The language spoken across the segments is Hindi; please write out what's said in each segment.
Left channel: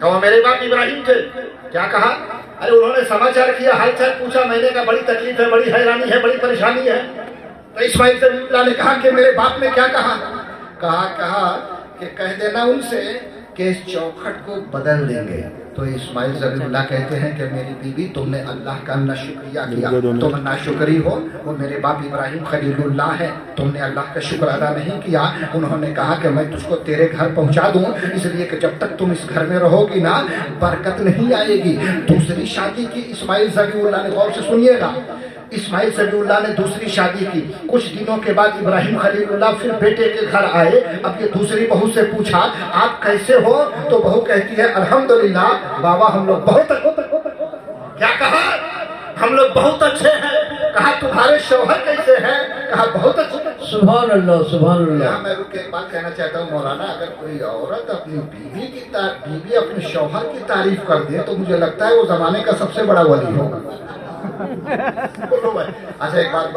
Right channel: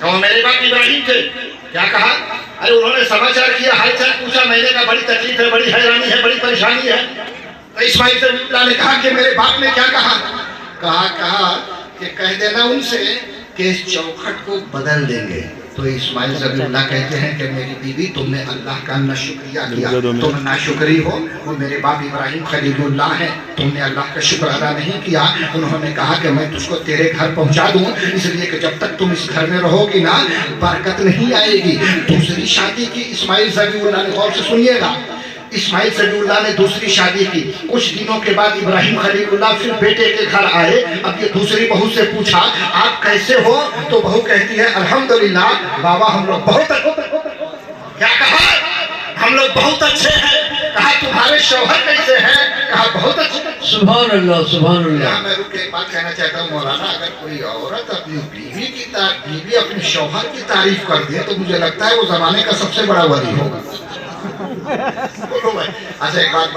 और मेरे बाप इब्राहिम थे, क्या कहा? अरे उन्होंने समाचार किया, हालचाल पूछा, मैंने कहा बड़ी तकलीफ है, बड़ी हैरानी है, बड़ी परेशानी है। तो इस्माइल ज़बीहुल्लाह ने कहा कि मेरे बाप ने क्या कहा? कहा कि कह देना उनसे कि इस चौखट को बदल देंगे। तो इस्माइल ज़बीहुल्लाह कहते हैं कि मेरी बीवी, तुमने अल्लाह का ना शुक्रिया किया, तुम नाशुक्री हो। वो मेरे बाप इब्राहिम खलीलुल्लाह है, तुमने अल्लाह का शुक्र अदा नहीं किया। उन्होंने कहा कि मैं तुझको तेरे घर पहुंचा दूं, इसलिए कि जब तक तुम इस घर में रहोगी ना, बरकत नहीं आएगी। दूसरी शादी की इस्माइल ज़बीहुल्लाह ने, गौर से सुनिएगा, इस्माइल ज़बीहुल्लाह ने दूसरी शादी की। कुछ दिनों के बाद इब्राहिम खलीलुल्लाह फिर बेटे के घर आए। अब ये दूसरी बहू से पूछा, आप कैसे हो? तो बहू कहती है, अल्हम्दुलिल्लाह बाबा, हम लोग बहुत, क्या कहा? हम लोग बहुत अच्छे हैं। कहा तुम्हारे शौहर कैसे हैं? कहा बहुत अच्छे। सुभान अल्लाह, सुभान अल्लाह। मैं रुक के एक बात कहना चाहता हूँ मौलाना, अगर कोई औरत अपनी बीवी अपने शौहर की तारीफ कर दे तो मुझे लगता है वो जमाने का सबसे बड़ा वली होगा। बोलो भाई। अच्छा एक बात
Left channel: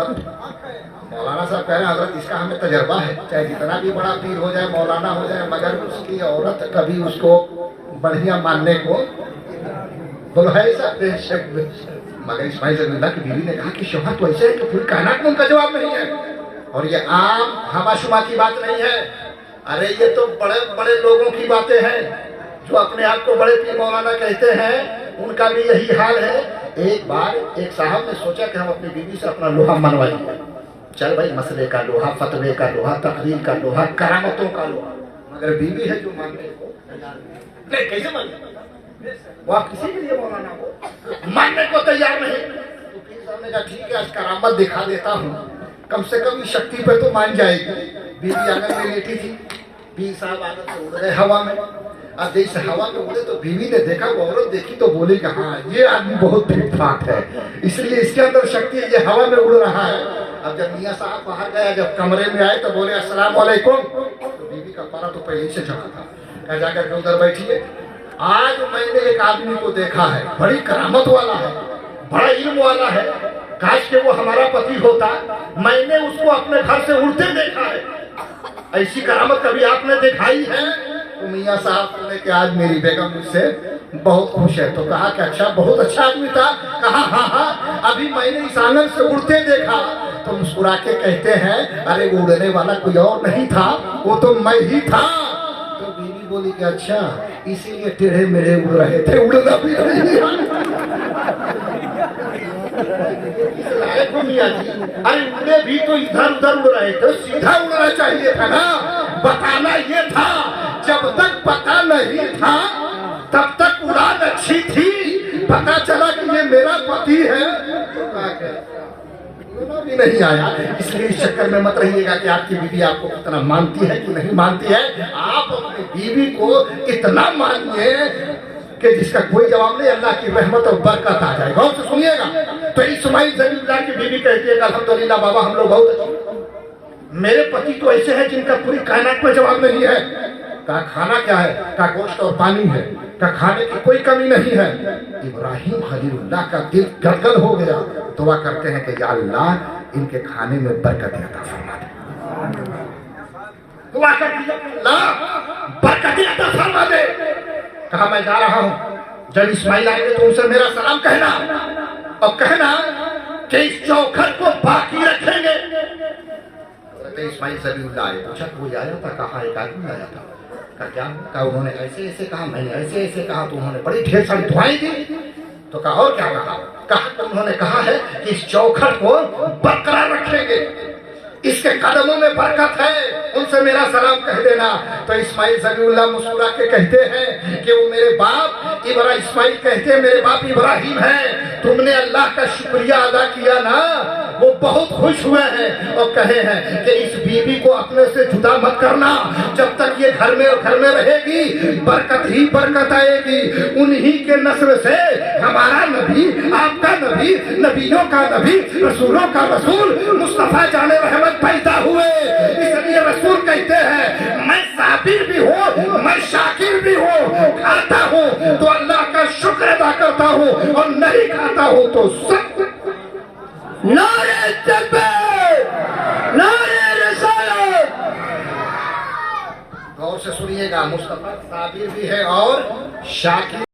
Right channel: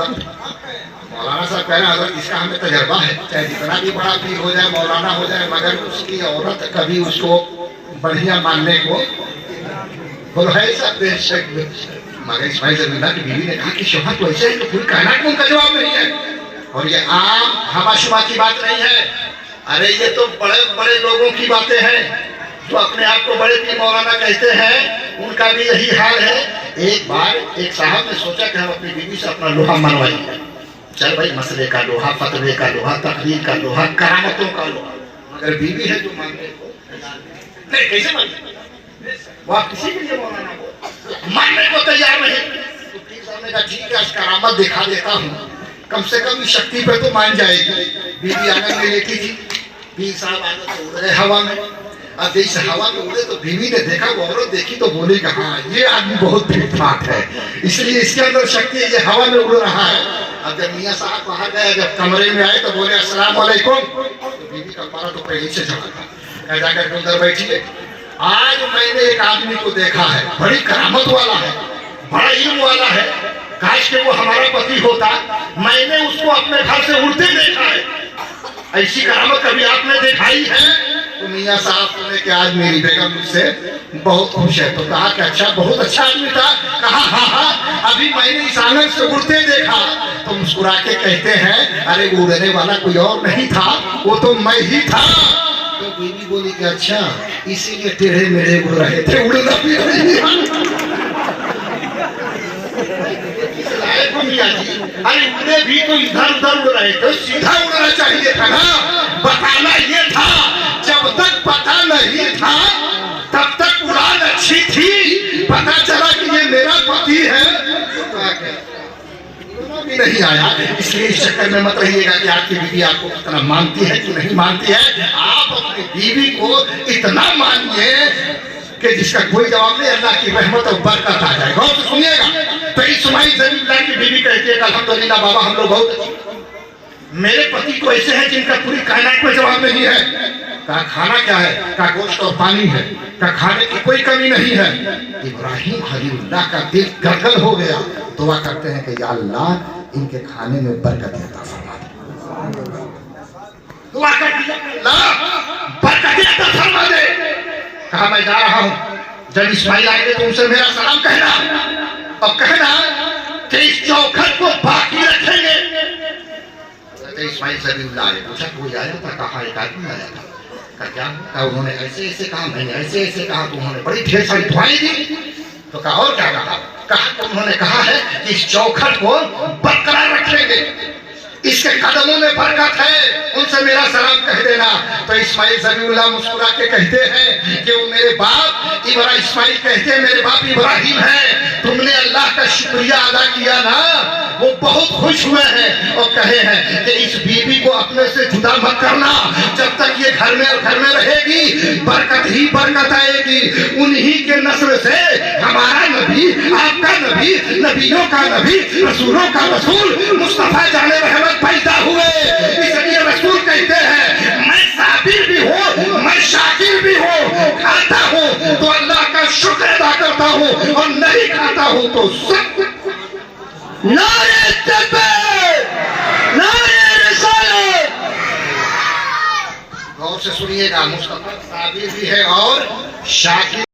मौलाना साहब कह रहे हैं, अगर इसका हमें तजर्बा है, चाहे जितना भी बड़ा पीर हो जाए, मौलाना हो जाए, मगर उसकी औरत कभी उसको बढ़िया मानने को, बोलो है ऐसा? मगर इस्माइल ज़बीहुल्लाह की बीवी ने कहा कि शौहर तो ऐसे है कि पूरी कायनात में उनका जवाब नहीं है। और ये आम हवा-शुमा की बात नहीं है। अरे ये तो बड़े बड़े लोगों की बातें हैं जो अपने आप को बड़े पीर मौलाना कहते हैं, उनका भी यही हाल है। एक बार एक साहब ने सोचा कि हम अपनी बीवी से अपना लोहा मनवाएंगे। चल भाई, मसले का लोहा, फतवे का लोहा, तकरीर का लोहा, करामतों का लोहा। मगर बीवी है जो मानने को नहीं, कैसे माने? वो आप किसी भी लिए मौलाना को मानने को तैयार नहीं। तो पीर साहब ने कहा ठीक है, आज करामत दिखा देता हूँ, कम से कम इस शक्ति पे तो मान जाएगी। बीवी आंगन में लेटी थी, पीर साहब आगे तो उड़ रहे हवा में। अब जैसे हवा में उड़े तो बीवी ने देखा, वो औरत देखी तो बोली कि हाँ ये आदमी बहुत ठीक ठाक है, इसलिए इसके अंदर शक्ति है, ये हवा में उड़ रहा है। अब जब मियाँ साहब बाहर गए, जब कमरे में आए तो बोले अस्सलाम वालेकुम। तो बीवी का पारा तो पहले से चढ़ा था, जाकर उधर बैठिए। आज मैंने एक आदमी को देखा है, बड़ी करामत वाला है, बड़ा इल्म वाला है, काश के वो हमारा पति होता। मैंने उसको अपने घर से उड़ते देखा है, ऐसी करामत कभी आपने दिखाई है? तो मियाँ साहब ने कि आज मेरी बेगम मुझसे बहुत खुश है। तो कहा कि अच्छा, बहुत अच्छा आदमी था? कहा हाँ, अभी मैंने इस आंगन से उड़ते देखा। तो मुस्कुरा के कहते हैं, अरे उड़ने वाला कोई और नहीं था, वो तो मैं ही था। तो बीवी बोली कि अच्छा, इसीलिए टेढ़े मेढ़े उड़ रहे थे, उड़ना भी अरे उड़े भी तो इधर उधर उड़ रहे थे, सीधा उड़ना चाहिए था ना। बताना ये था, जब तक पता नहीं था तब तक उड़ान अच्छी थी, पता चला कि ये मेरा पति है भी नहीं आया। इसलिए इस चक्कर में मत रहिएगा कि आपकी बीवी आपको कितना मानती है कि नहीं मानती है। आप अपनी बीवी को इतना मानिए कि जिसका कोई जवाब नहीं, अल्लाह की रहमत और बरकत आ जाए। गौर से सुनिएगा। तो इस्माइल ज़बीहुल्लाह की बीवी कहती है अल्हम्दुलिल्लाह बाबा, हम लोग बहुत, मेरे पति तो ऐसे हैं जिनका पूरी कायनात में जवाब नहीं है। कहा खाना क्या है? कहा गोश्त और पानी है। कहा खाने की कोई कमी नहीं है। इब्राहिम खलीलुल्लाह का दिल गदगद हो गया। दुआ करते हैं कि या अल्लाह इनके खाने में बरकत अता फरमा दे। दुआ करते हैं अल्लाह बरकत अता फरमा दे। कहा मैं जा रहा हूँ, जब इस्माइल आएंगे तो उनसे मेरा सलाम कहना और कहना कि इस चौखट को बाकी रखेंगे। तो इस्माइल ज़बीहुल्लाह आए, पूछा कोई आया था? कहा एक आदमी आया था। क्या? कहा उन्होंने ऐसे ऐसे कहा, मैंने ऐसे ऐसे कहा, तो उन्होंने बड़ी ढेर सारी दुआएं दी। तो कहा और क्या कहा? कहा तो उन्होंने कहा है कि इस चौखट को बरकरार रखेंगे, इसके कदमों में बरकत है, उनसे मेरा सलाम कह देना। तो इस्माइल ज़बीहुल्लाह मुस्कुरा के कहते हैं कि वो मेरे बाप इस्माइल कहते हैं मेरे बाप इब्राहिम है, तुमने अल्लाह का शुक्रिया अदा किया ना, वो बहुत खुश हुए हैं और कहे हैं कि इस बीवी को अपने से जुदा मत करना, जब तक ये घर में रहेगी बरकत ही बरकत आएगी। उन्हीं के नस्ल से हमारा नबी, आपका नबी, नबियों का नबी, रसूलों का रसूल मुस्तफा जाने रहमत पैदा हुए। इसलिए रसूल कहते हैं मैं साबिर भी हूँ, मैं शाकिर भी हूँ, खाता हूँ तो अल्लाह का शुक्र अदा करता हूँ और नहीं खाता हूँ तो सब। नारे तकबीर, नारे रिसालत। गौर से सुनिएगा, मुस्तफा साबिर भी है और शाकिर